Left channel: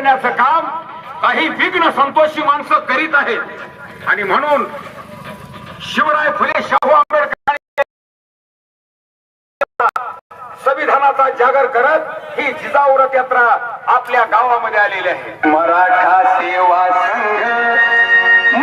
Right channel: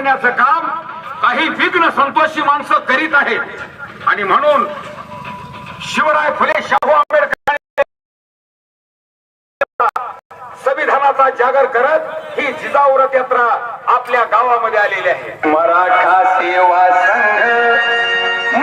करण्याचं काम काही विघ्न संतोषी माणसं करीत आहेत. आणि म्हणून शिवराय फुले शाहू आंबेडकर संविधानाचा जागर करत ही जिजाऊ रथ यात्रा आपल्या गावामध्ये आलेली आहे. मराठा सेवा संघ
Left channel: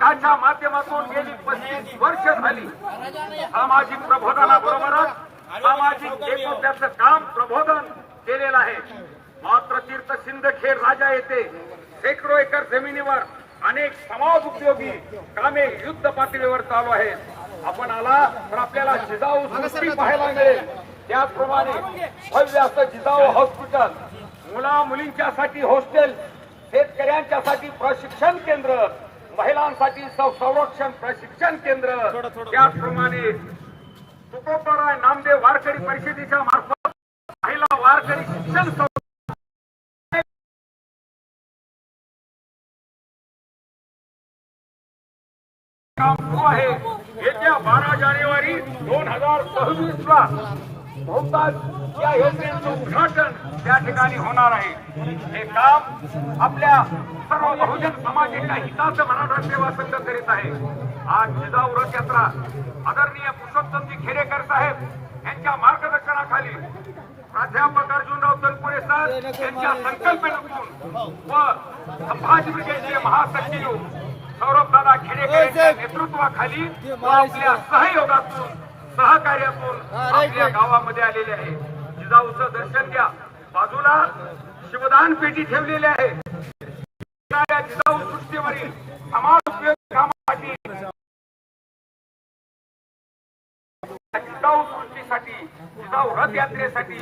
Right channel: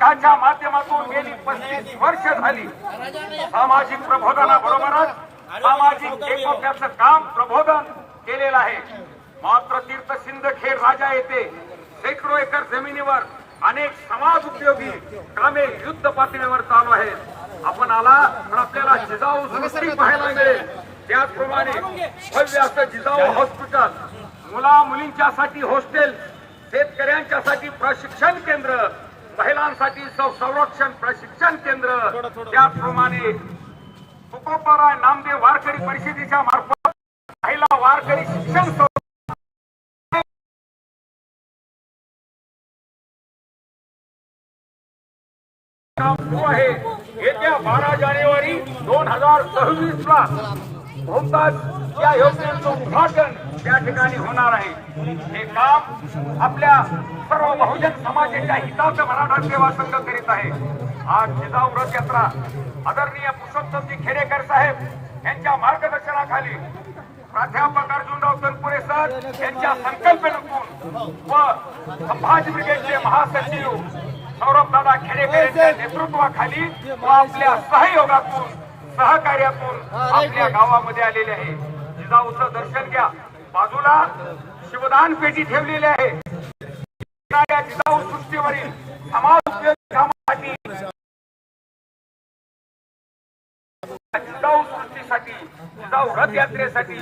संघाच्या माध्यमातून गेली पस्तीस वर्ष झाली. सामाजिक प्रबोधनाबरोबरच सामाजिक एकोप्याचं काम प्रबोधन केलेलं आहे. मात्र तीर्थ सिंदखेड राजा येथे शेकडो एकर जमिनीवर अनेक समाज उपयोगी कामे युद्ध पातळीवर चालू आहेत. आपण आला तर आपल्याला जिजाऊ सृष्टी पाहायला मिळेल. त्याचप्रमाणे भव्य असं जिजाऊ हॉस्पिटल मुला मुलींच्यासाठी हॉस्टेल शेतकऱ्यांच्यासाठी प्रशिक्षण केंद्र महिलांसाठी संरक्षण प्रशिक्षण केंद्र. त्याचप्रमाणे तुकोबाराय नामदेव वारकरी परिषदेच्या मार्फत महिला वारकरी शिक्षण संस्था काम सुरू आहे. येत्या बारा जानेवारी दोन हजार सव्वीस ला या योजनेचं उद्घाटन त्या ठिकाणी होणार आहे. हे काम आपल्या सर्व बहुजन समाजाच्या हिताचं मराठा सेवा संघ करीत आहे. आज जिजाऊ रथ यात्रा आदरणीय पुरुषोत्तमजी खेडेकर साहेब यांच्या मार्गदर्शनाखाली प्राध्यापक अर्जुनराव तनपुरे सर यांच्या संकल्पनेतून व संभाजी ब्रिगेडचे महासचिव सौरभ दादा खेडेकर यांच्या नेतृत्वाखाली व आपल्या सहयोगातून सहकार्यातून आपल्या गावामध्ये आलेले आहे. जाऊचं दर्शन घ्या. बाजूला शिवदान पेटी ठेवलेली आहे. जिजाऊ सृष्टीवरील समाज उपयोगी कामासाठी जिजाऊ सृष्टीसाठी जिजाऊ रथयात्रेसाठी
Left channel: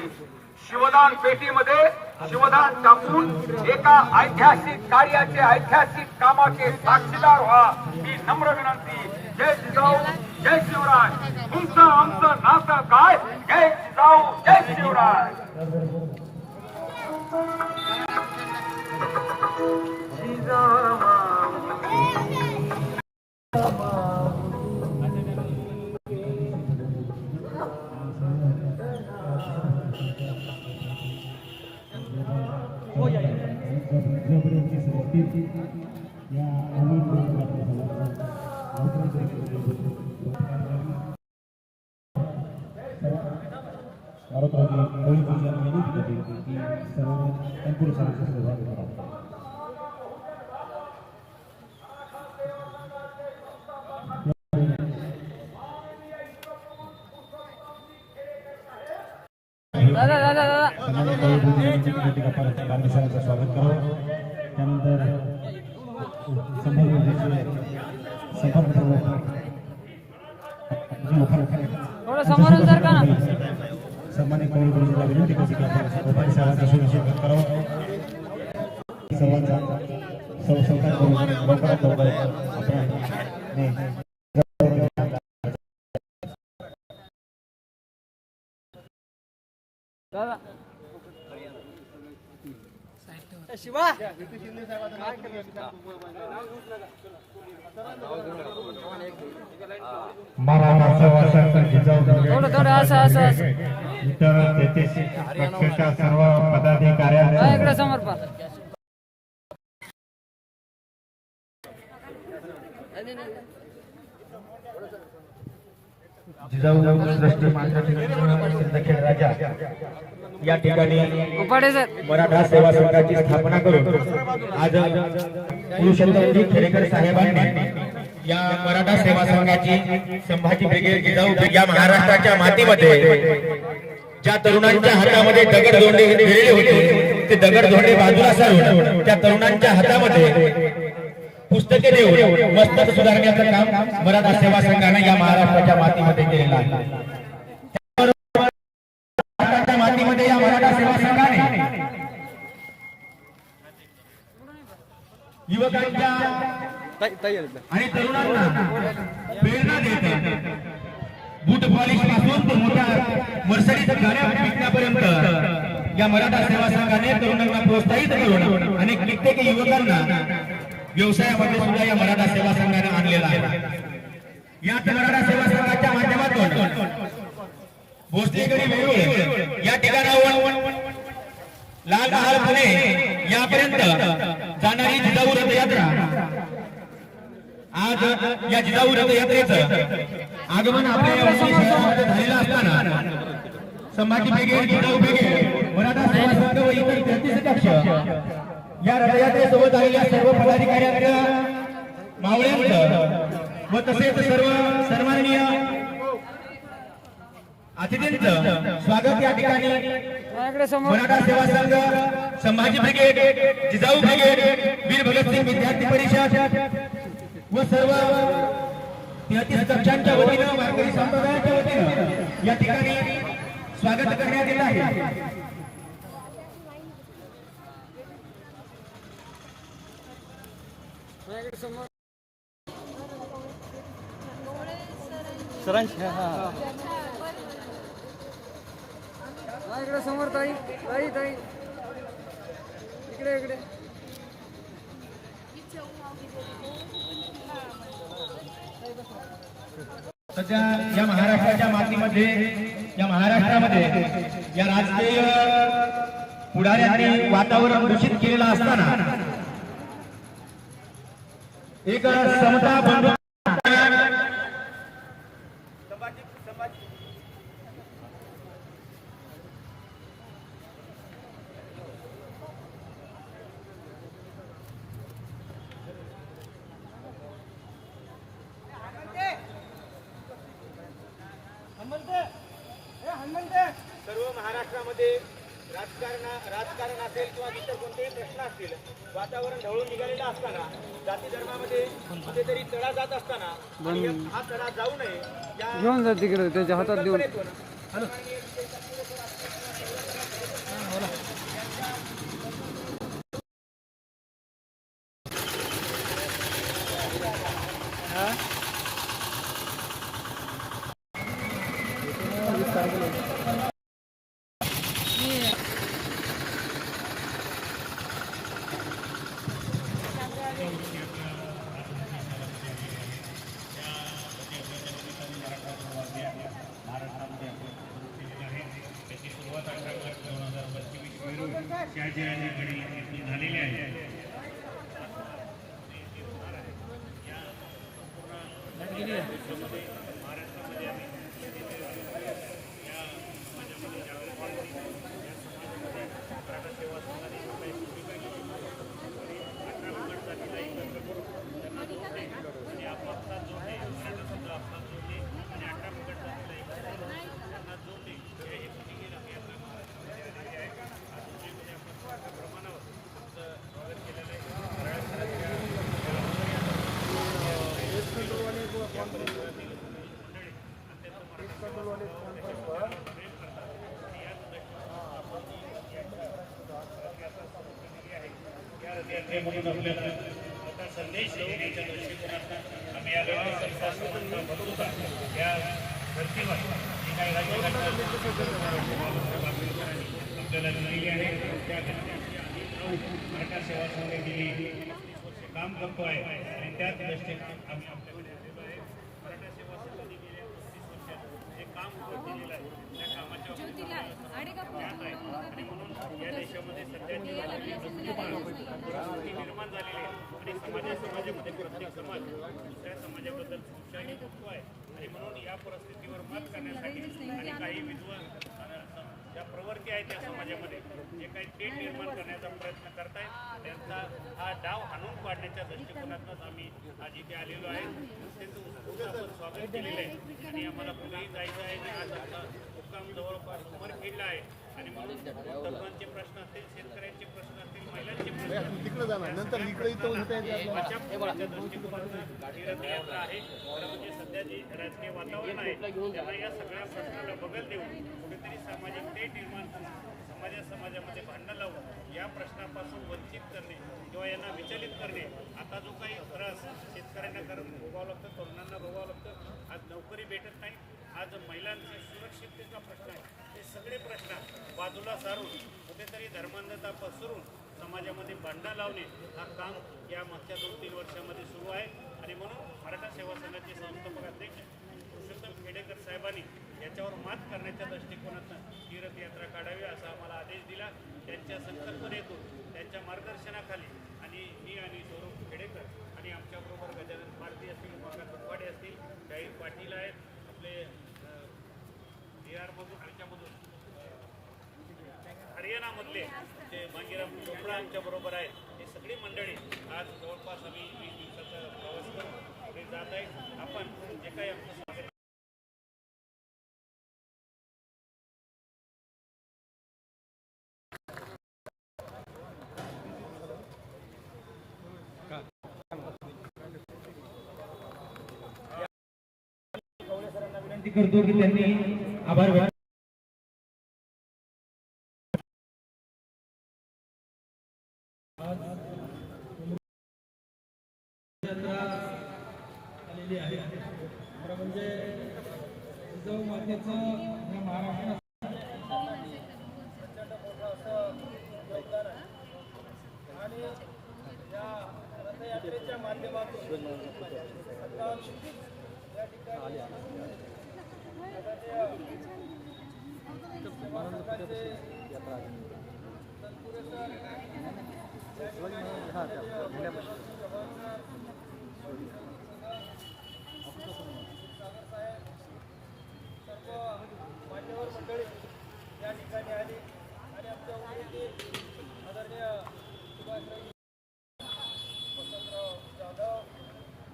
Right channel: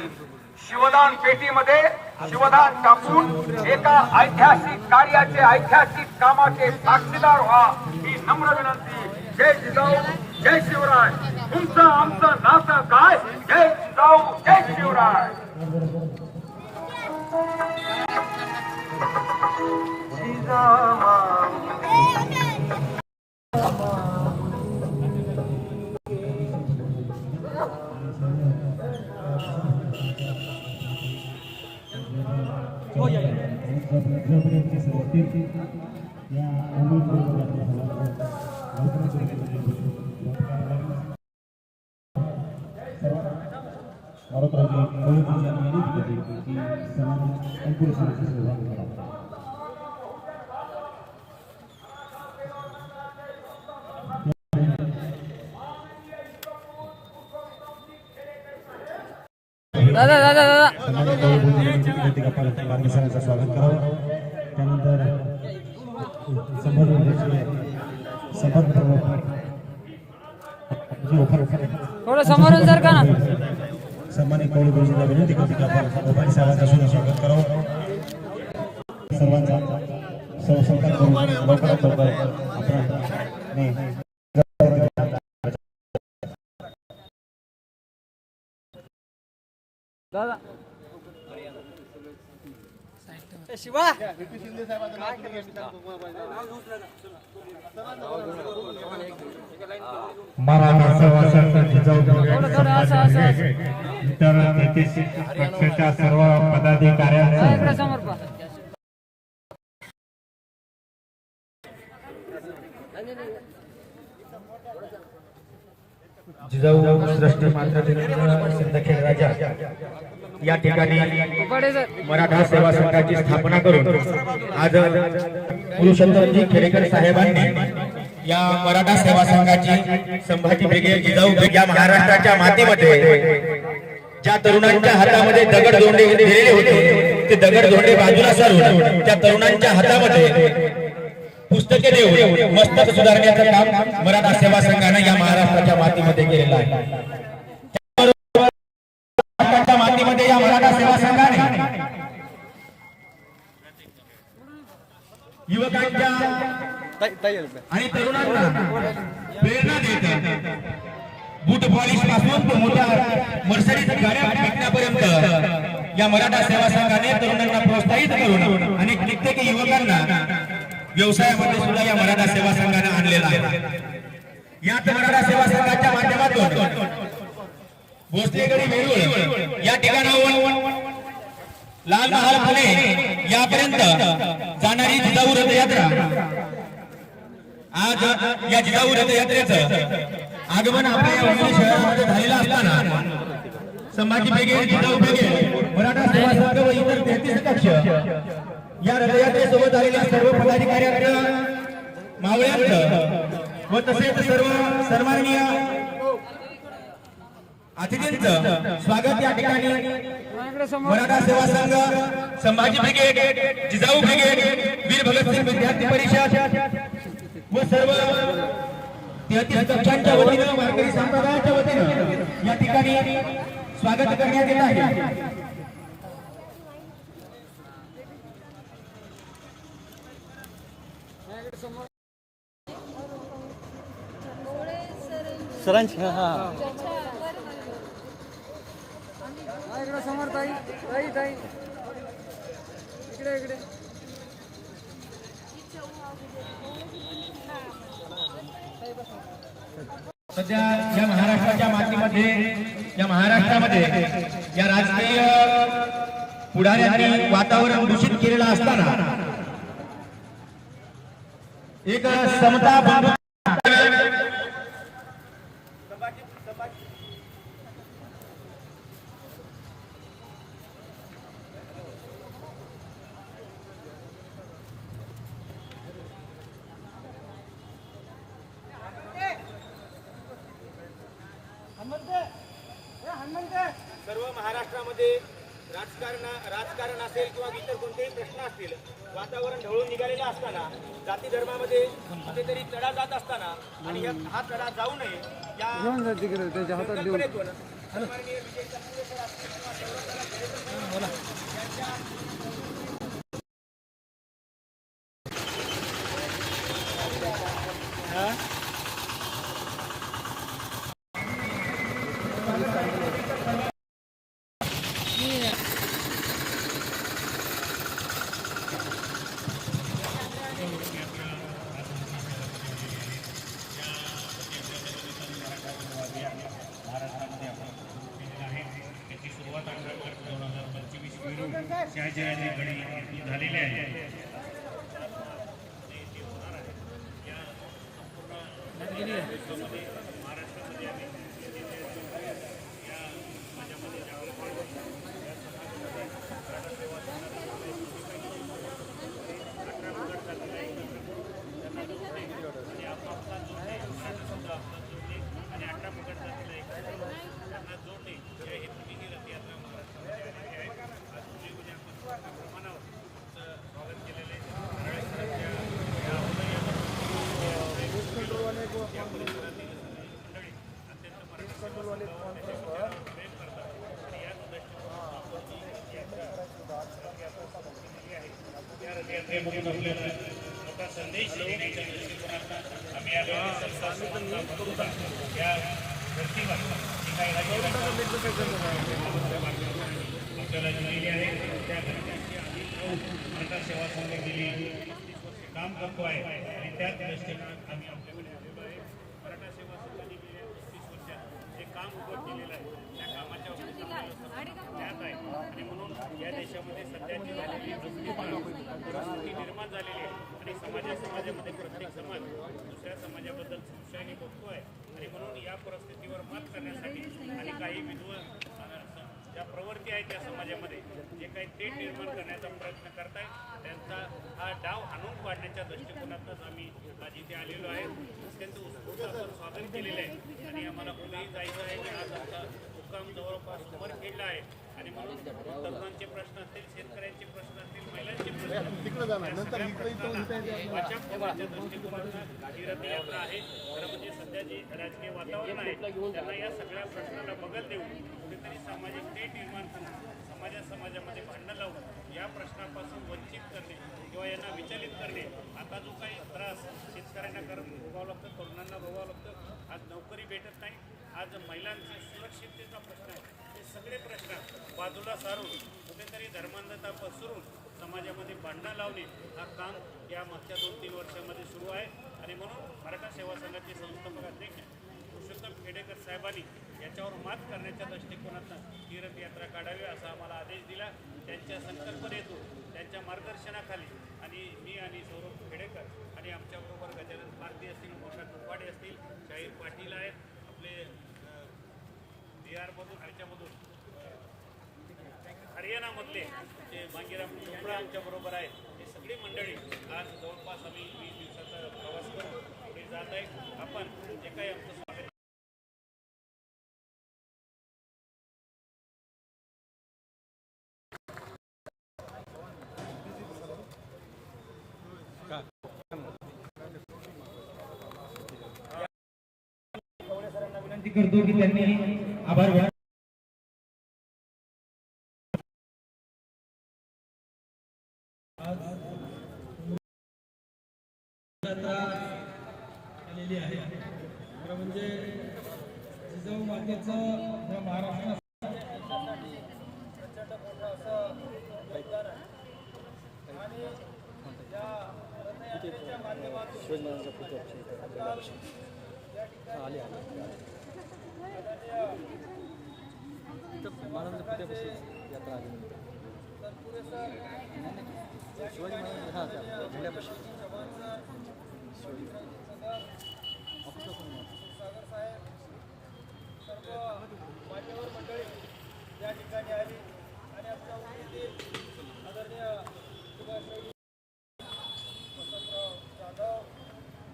शिवदान पेटीमध्ये शिवदान टाकून एका ऐतिहासिक कार्याचे ऐतिहासिक कामाचे साक्षीदार व्हा. ही नम्र विनंती. जय जिजाऊ. जय शिवराय तुमचं आमचं नातं काय जय जिजाऊ जय Shivray Orang terakhir, kalau pujian ini juga diikuti dengan empat ratus ribu orang. कोळी गुरुजीला विनंती करते की आपण उपाय साहेबांचा सुद्धा स्वागत करावं सर्वांचा शिवा? मराठा जिजाऊ. इतर तेहतीस पक्षाच्या सर्व हा, पदाधिकाऱ्यांचं. इकडे समोर पा जिजाऊ श्रेष्ठ मात्र सिंदखेड राजा. या ठिकाणी मराठा सेवा संघाची स्थापना करून आज पुरुषोत्तमजी खेडेकर साहेबांनी या मराठा सेवा संघाची संभाजी ब्रिगेड जिजाऊ या महाराष्ट्राच्या मातीमध्ये ज्या तरुणांच्या हातामध्ये दगड धोंडे दिलेले होते ते दगड धोंडे बाजूला सारून त्या तरुणांच्या हातामध्ये पुस्तके देऊन मस्तक सुधारण्याचं काम मराठा सेवा संघाने या महाराष्ट्राच्या मातीमध्ये केलेलं आहे महाराष्ट्राच्या मातीमध्ये या मराठा सेवा संघाने युवकांच्या आणि तरुणांना प्रेरणा देते. बूट पॉलिशपासून ते मोठ्या मर्सरीत गाड्या विकण्यापर्यंत या मराठा सेवा संघाने तरुणांना प्रोत्साहित करून आणि कित्येक युवकांना व्यवसायामध्ये सुद्धा या मराठा सेवा संघाने आणलेला आहे. याच मराठा सेवा संघाच्या माध्यमातून भोसलेगडी वेरूळ या ठिकाणाहून लाल महाल पुणे यापर्यंत जाणारी जिजाऊ रथयात्रा. आज या जिजाऊ रथयात्रेचं आगमन आपल्या या शहरामध्ये झालेलं असताना संभाजी बेगे जिजाऊ बेगे मराठा सेवा संघ व इतर तेहतीस कक्ष या रथयात्रेसोबत आलेल्या सर्व पदाधिकाऱ्यांना मावळ्यांचं व तसेच सर्व सन्माननीय अतिथींचं स्वागत या ठिकाणी. मराठा सेवा संघ संभाजी ब्रिगेड जिजाऊ ब्रिगेड वीर भगतसिंग विद्यार्थी परिषद व सर्व कक्षांच्या वतीनं वारकरी संप्रदायाच्या वतीनं या ठिकाणी स्वागत करण्यात येत आहे. माझ्याकडे इकडे इकडे. सध्या या महाराष्ट्राच्या मातीमध्ये या महाराष्ट्रामध्ये या राजकीय पुढाऱ्यांनी वातावरण दूषित केलेलं असताना एक समता बंधू सर्व महाराष्ट्रामध्ये राजकारण राजकारण असेल किंवा इतर कोणतेही प्रश्न असतील वातावरण ढवळून निघालेलं असताना जाती धर्मामध्ये कुठेतरी तडा जात असताना आणि हा तडा जाऊ नये या घेऊन जा तिकडे त्याच्या हातात देऊन. कल्पनेतून झालेले आहे यात्रेमधून आपल्याला मोठा संदेश देण्याच्या दृष्टिकोनातून आम्ही आलेलो संस्था समानता बंधुता या धर्तीवर जी काही राज्यघटना आपल्याला दिलेली आहे त्या घटनेची अधीन राहून मराठा सेवा संघ गेली पस्तीस वर्ष काम करतो आहे आणि त्याच दृष्टीनं आम्ही आपल्याकडे आलेलो आहे मराठा सेवा संघाने गेल्या जे काम उभं केलेलं आहे त्या कामाच्या बाबतीत आपल्याला सर्वांना ज्ञात आहे. आणि म्हणून या देशामध्ये सध्याची झालेली अस्थिरता परिस्थिती निर्माण झालेली आहे आणि समाजा समाजामध्ये प्रत्येक समाज दुसऱ्या समाजाबद्दल संशयाने आहे. आणि म्हणून या परिस्थितीवर मात करण्यासाठी आणि काही विद्वान ज्या प्रवृत्ती आहेत या समाजामध्ये जे काही तेट निर्माण करण्याचा प्रयत्न करतायत त्यांचा हा डाव हाणून पाडण्याच्या दृष्टिकोनातूनच आम्ही आज इथे आलेलो आहे. अत्यंत उत्स्फूर्त आपण स्वागत केलेलं आहे. आणि आम्हाला कुठेही जायचं आहे आणि आज आमचा मुक्काम जवळपास उमरखेडला आहे. आणि म्हणून तरुणांचे प्रश्न असतील शेतकऱ्यांचे प्रश्न असतील महिलांचे प्रश्न वाचा फोडण्याच्या दृष्टिकोनातून ही रथयात्रा आहे. खरं म्हणजे सध्या जे राजकीय वातावरण आहे त्यांना या सगळ्या प्रश्नाला बगल देऊन कुठेतरी सामाजिक तेढ निर्माण करून समाजा समाजामध्ये भांडणं लावून या प्रश्नापासून वंचित करणे किंवा यांना विचलित करणे आता जो काही त्रास शेतकऱ्यांना कर भोगावं लागतं तरुणांना भोगावं लागतं आज नोकरी भेटत नाही आज महिलांचे सुरक्षिततेचा प्रश्न आहे. सगळे प्रश्न बाजूला सारून कुठेतरी धर्मांधता पसरून समाजामध्ये भांडणं लावणे हा काम या मागच्या दोन तीन वर्षामध्ये सुरू आहे. आणि म्हणून मराठा सेवा संघाचे संस्थापक अध्यक्ष पुरुषोत्तम खेडेकर साहेबांनी याच्यावर मात करण्याच्या दृष्टिकोनातून तीर्थयात्रा काढावी असा आम्हाला आदेश दिला. त्यांच्या संकल्पनेतून त्यांच्या मार्गदर्शनाखाली आणि मी आणि सौरभ खेडेकर आणि आमच्याबरोबर गजानन भारती असतील प्रकाश कुटवाडे असतील शाहीर पाटील आहेत हरियाणामधले ते मांगीराम चोपडा यांच्या बरोबर आहे ही सगळी मंडळी आज जवळपास आम्ही वीस दिवसाचा प्रवास करून पुढे जात आहे आपण जे काही आमचं स्वागत विनंती करतो की त्यांनी आभार यात्रा आलेली आहे. खरं म्हणजे जिजाऊ मातेचं या महाराष्ट्र प्रचंड मोठं असं योगदान आहे आणि या रथयात्रेच्या माध्यमातून आपण या ठिकाणी आदरणीय सेवा संघाचे तत्पुरुष सागर साहेब सर्व मान्यवर मंडळी या ठिकाणी आली आणि आमच्या उमेदीत आदरणीय सुभाषराव वसंतराव जाधव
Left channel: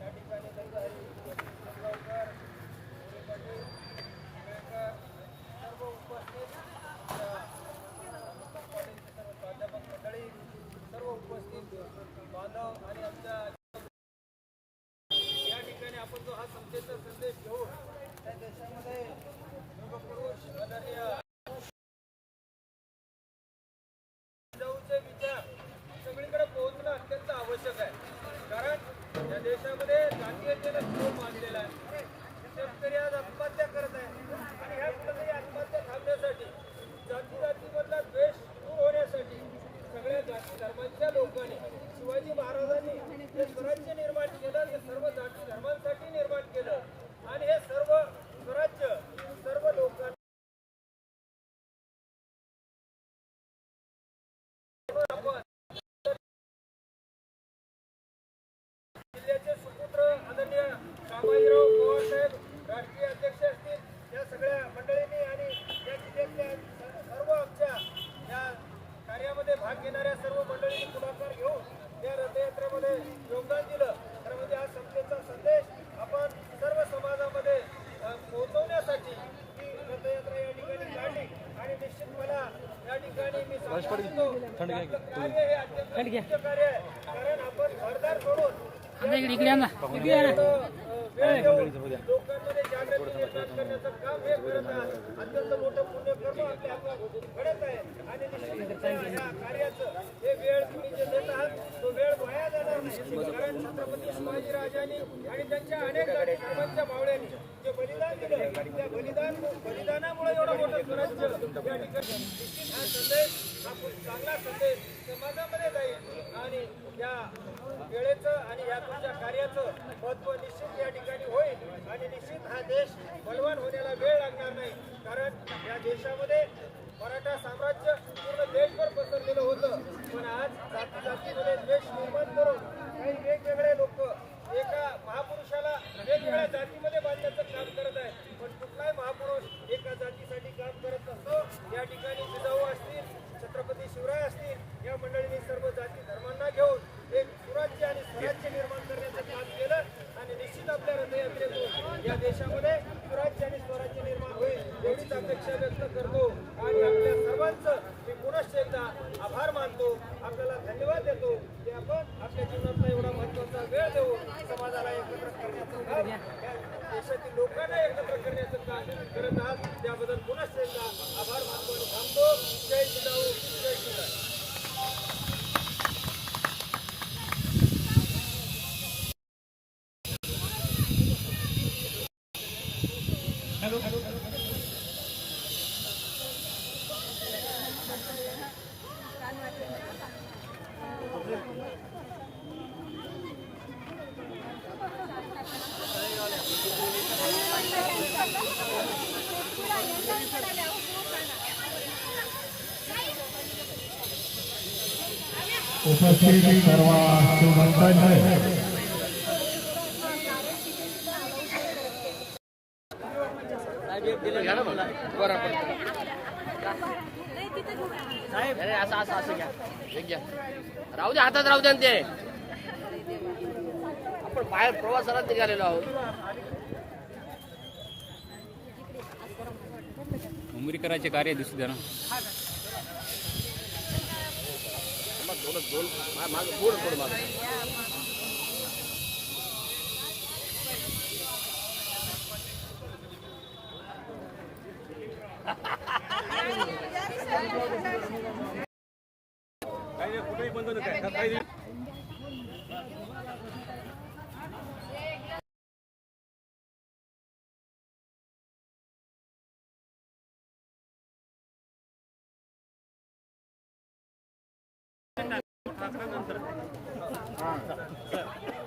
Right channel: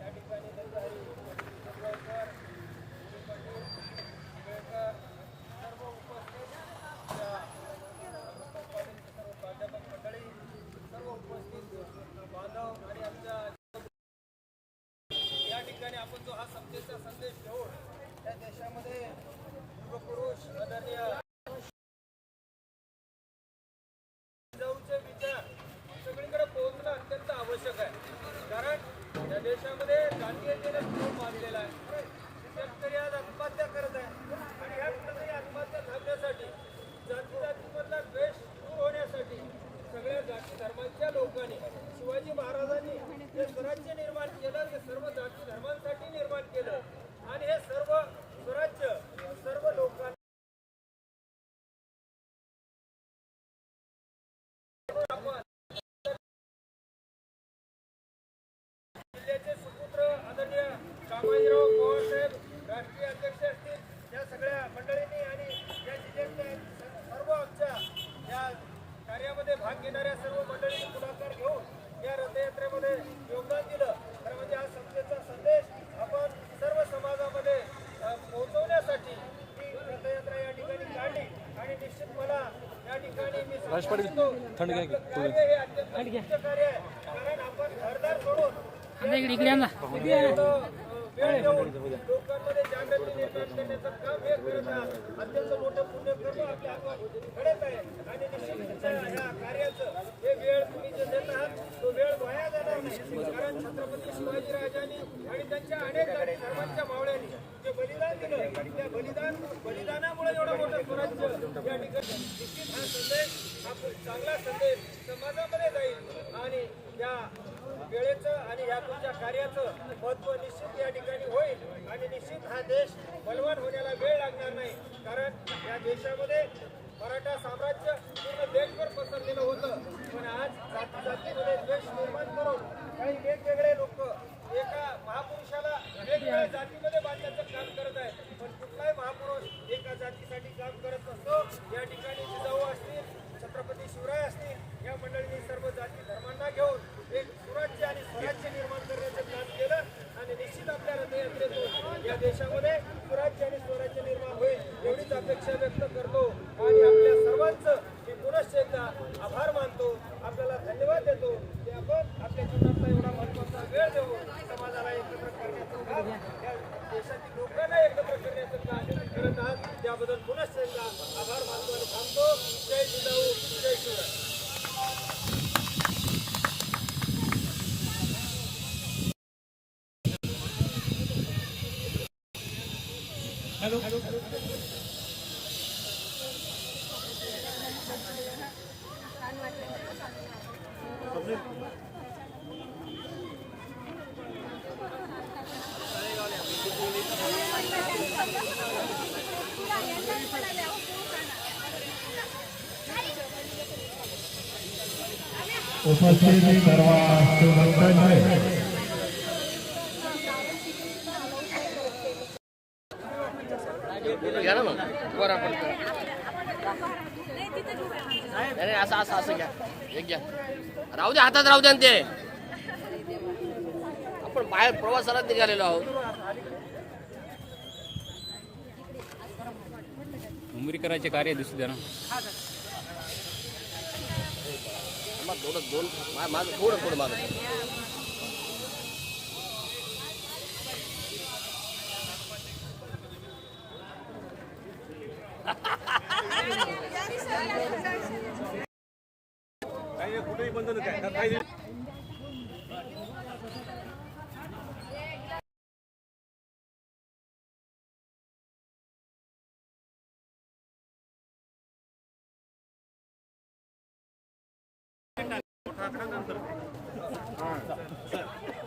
या ठिकाणी दंडहरी पाटील शेटगावकर मोरे पाटील शिवेकर सर्व उपस्थित या कॉलेजचे सर्व प्राध्यापक मंडळी सर्व उपस्थित बांधव आणि आमच्या या ठिकाणी आपण जो हा समतेचा संदेश घेऊन त्या देशामध्ये युगपुरुष आदरणीय जिजाऊचे विचार सगळीकडे पोहोचणं अत्यंत आवश्यक आहे कारण या देशामध्ये जातीयतेनं खूप मानलेला आहे शेतकरी आज आत्महत्या करत आहे आणि ह्या कुठेतरी आत्महत्या थांबण्यासाठी जाती जातीमधला द्वेष दूर होण्यासाठी सगळ्या जाती धर्मांच्या लोकांनी शिवाजी महाराजांनी जे स्वराज्य निर्माण केलं ते सर्व जाती धर्मांसाठी निर्माण केलं आणि हे सर्व स्वराज्य सर्व लोकांना आपण जिल्ह्याचे सुपुत्र आदरणीय कामाजीराव पवार साहेब राष्ट्रीय अध्यक्ष असतील या सगळ्या मंडळींनी आणि या जिल्ह्यातल्या स- सर्व आमच्या या कार्यामध्ये भाग घेणाऱ्या सर्व मंडळींनी पुढाकार घेऊन या रथयात्रेमध्ये योगदान दिलं खरं म्हणजे हा समतेचा संदेश आपण सर्व समाजामध्ये अ, पोहोचवण्यासाठी ही रथयात्रा या ठिकाणी काढली आणि निश्चित मला या ठिकाणी मी सांगू इच्छितो की आपलं कार्य हे अत्यंत उच्च कार्य आहे कारण आपण घरदार सोडून एवढं, अ, वेळ देऊन लोकांमध्ये जागृती निर्माण करण्याचं काम हे करत आहात. अत्यंत मोठं पुण्यकर्म आपल्या हातात घडत आहे. आणि कार्याचं हे वेळ तुम्ही जे देत आहात तो वेळ वाया जाणार नाही. कारण छत्रपती शिवाजी राजांनी आणि त्यांच्या अनेक धर्मांच्या मावळ्यांनी जे बलिदान दिलं त्या बलिदान बलिदानामुळे एवढं मोठं स्वराज्य या ठिकाणी संदेश हा खूप चांगला संदेश समाजामध्ये जाईल. आणि या वेळेचं आणि या तुमच्या कार्याचं महत्त्व निश्चित या ठिकाणी होईल. आणि निश्चित हा देश बलवान होण्याला वेळ लागणार नाही. कारण या देशामध्ये मराठा साम्राज्य पूर्ण देशभर पसरलेलं होतं. पण आज जाती जातीमध्ये द्वेष निर्माण करून काही वेगवेगळे लोक एका महापुरुषाला वेगवेगळ्या जातीमध्ये बांधण्याचं काम करत आहेत. पण कुठलाही महापुरुष एका जातीसाठी काम करत नसतो. या ठिकाणी जिजाऊ असतील छत्रपती शिवराय असतील या मंडळींनी सर्व जाती धर्मांना घेऊन एक सुराज्य आणि स्वराज्य निर्माण करण्याचं काम केलं आणि निश्चित आपल्या रथयात्रेतून या देशामध्ये सुराज्य आणि स्वराज्य निर्माण होईल एवढीच अपेक्षा व्यक्त करतो. आणि आपल्या सर्वांचं मी पुनश्च एकदा आभार मानतो. आपल्याला धन्यवाद देतो. की आपण आपल्या जीवनातला एवढा महत्त्वाचा वेळ देऊ समाजाला एकत्र करण्याचं देशातील लोकांना एकत्र करण्याचं काम करत आहात त्याबद्दल त्याबद्दल पुनश्च एकदा आभार मानतो आणि थांबतो जय जिजाऊ जय शिवराय उपस्थित सर्व शिवभक्तांचे असं असं असं घ्या एक घ्या राहू दे हातात राहू द्या ते आपण बाहेर प्रवासाला निघालेलो आहोत उमरीकरांचे कार्य दिसू द्या ना. दोन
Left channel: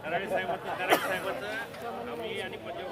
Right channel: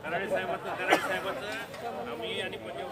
कराळे साहेबांचं कराळे साहेबांचं आम्ही आणि पंजाब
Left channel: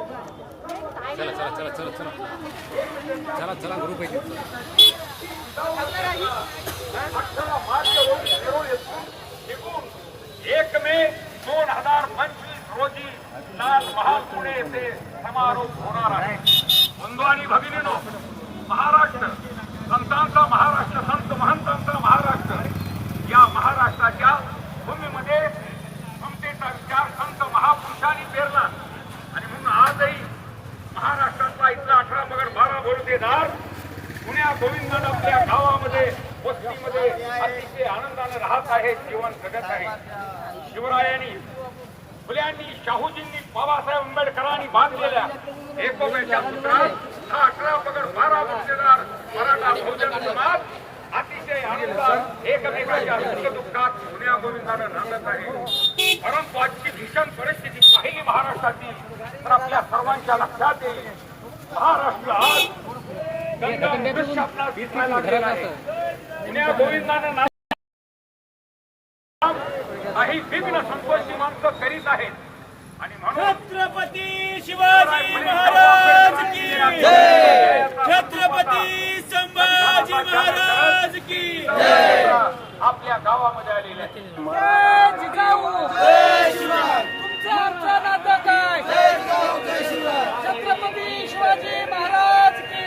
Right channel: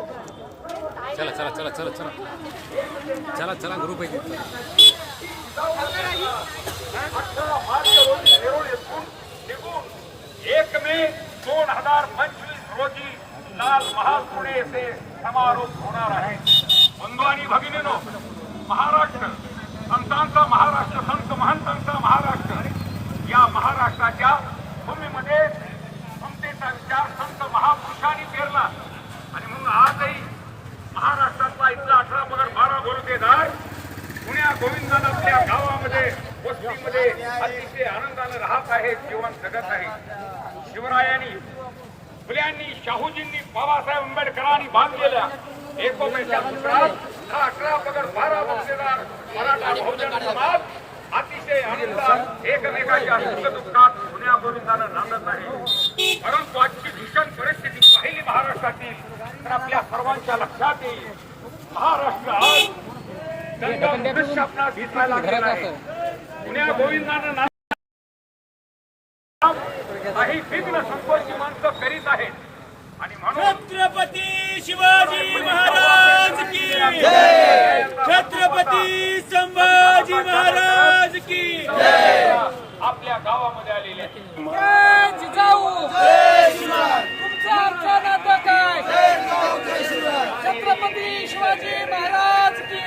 चला चला चला चला चला. चला चला ग्रुप आहे एक मे दोन हजार पंचवीस रोजी लाल महाल पुणे येथे समारोप होणार आहे. बंधू आणि भगिनीनो महाराष्ट्र संतांचा महाराष्ट्र संत महंतांचा महाराष्ट्र. या महाराष्ट्राच्या भूमीमध्ये समतेचा विचार संत महापुरुषांनी पेरला. आणि म्हणून आजही महाराष्ट्रातला इथला अठरा पगड बारा बलुतेदार पुण्या गोविंदानं आपल्या गावामध्ये वस्तीमध्ये अतिशय आनंदाने राहत आहे जीवन जगत आहे. शिवरायांनी फुल्यांनी शाहूजींनी बाबासाहेब आंबेडकरांनी बांधलेल्या एकोप्याच्या सूत्रात हा अठरा पगड बारा बलुतेदार मराठा बहुजन समाज अतिशय आनंदात एकमेकाच्या सुखदुःखात पुण्या गोविंदानं नांदत आहे. परंतु आजची भीषण परिस्थिती पाहिली महाराष्ट्रातील तर आपल्या सर्वांच्या लक्षात येईल महाराष्ट्र आज. पुण्या गोविंदानं काही विघ्न संकोची माणसं करीत आहेत. आणि छत्रपती शिवाजी महाराज की छत्रपती संभाजी महाराज की आपल्या गावामध्ये आलेले आहेत. छत्रपती शिवाजी महाराज की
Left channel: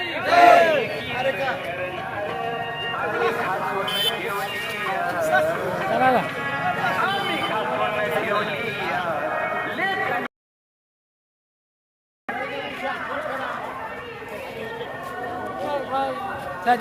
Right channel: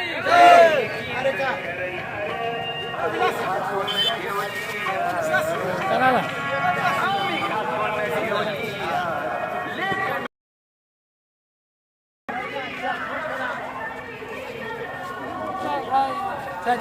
चहा